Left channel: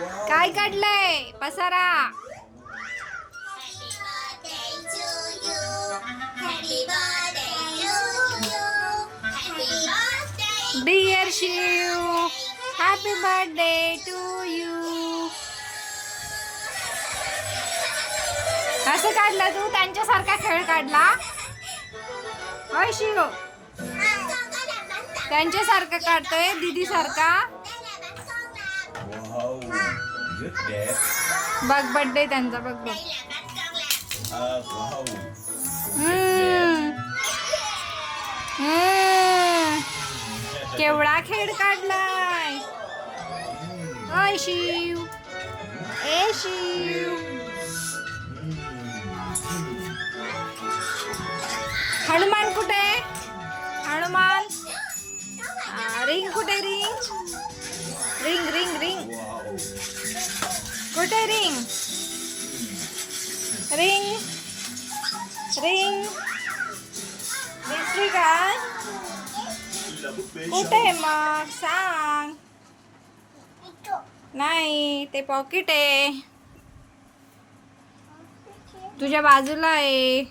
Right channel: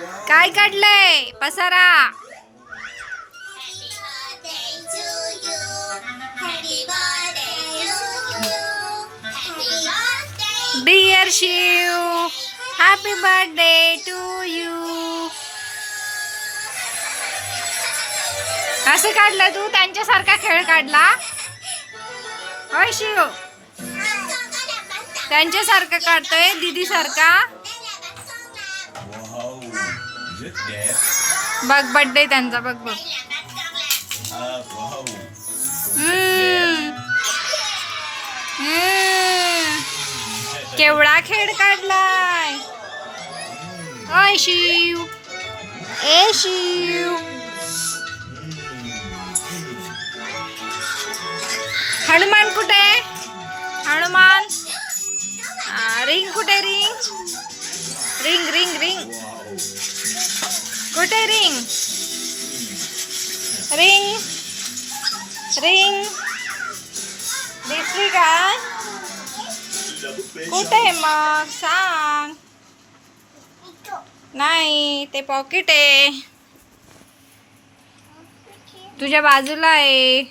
काय काढलंय? पसारा. Dear Shiv happy birthday to you असं काढलं तू? त्यांच्यासारखा खेळ काढला? होय शिव. त्यांच्यासारखं काढतोय दीदी सारखा Wow. बघ बर्थडे त्यांचा बघ बघ. केवढा खेळ काढलाय. ओय शिव. ए शिव. हनुमान कुठे? हनुमान. रिंग कुठे ring? Ring ring ring. Wow. कुठे रिंग रिंग रिंग दिसली काय कुठे मग सांग नाही ते पॉकेट आहे तुझ्या बाजूला आहे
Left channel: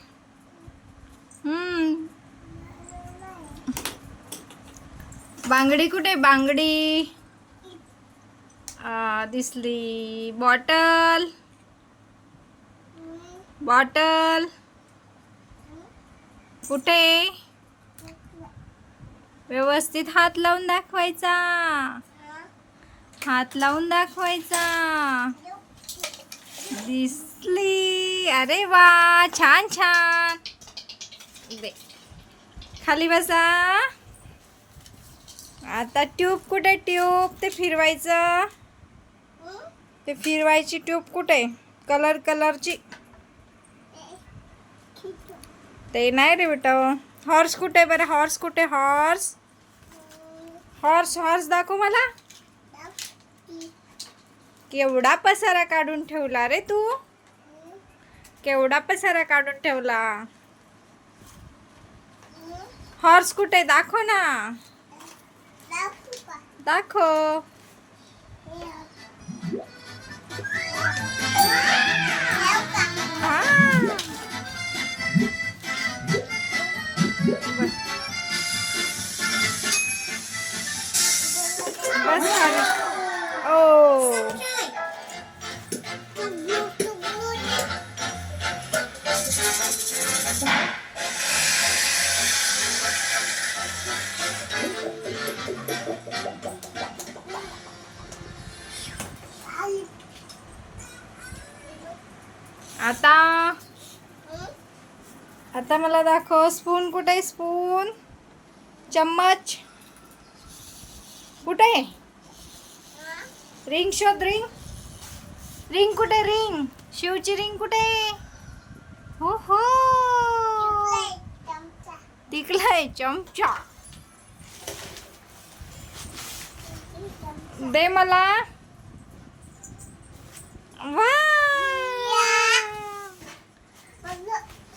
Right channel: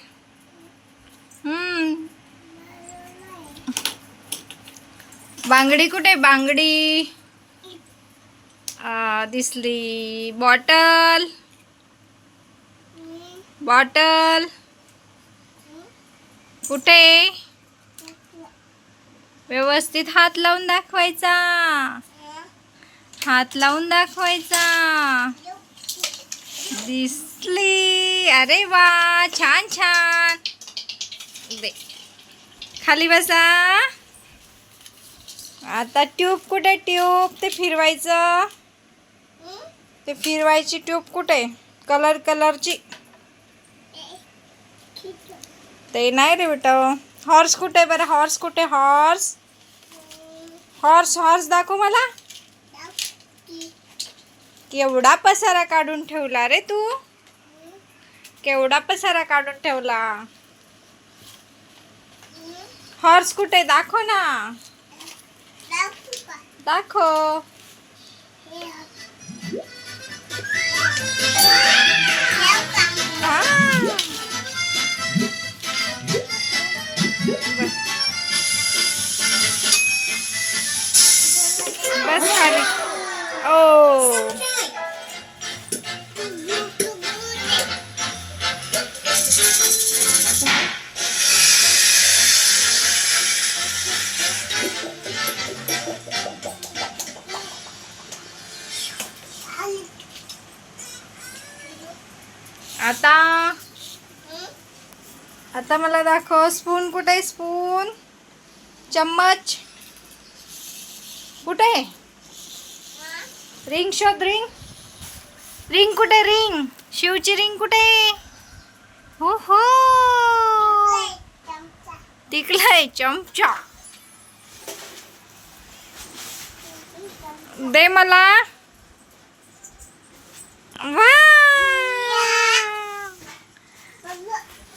बांगडी कुठे बांगडी दिसली बॉटल बॉटल कुठे? व्यवस्थित हात लावून दाखवायचा. हात लावून दाखवायचा. दिसली. अरे वा छान छान. दे. खाली बसा. आता ट्यूब कुठे ट्यूब ते फिरवायचं. ते फिरवायची ट्यूब कुठे कलर कलरची ते नाही रे बेटा हॉर्स कुठे बरं? हॉर्स कुठे? हॉर्स हॉर्स हॉर्स दाखव मला. केवढा पसारा काढून ठेवला रे तू? केवढा पसारा काढून ठेवला? हॉर्स कुठे दाखव ना. दाखव हा. बस बस खाली आता? आता मला दाखव स्पून कुठे आहे स्पून चम्मच? कुठे? रिंग शोध रिंग रिंग कुठे रिंग शिवची रिंग कुठे? हो हो तिकलाय चमचा. दे मला. वा!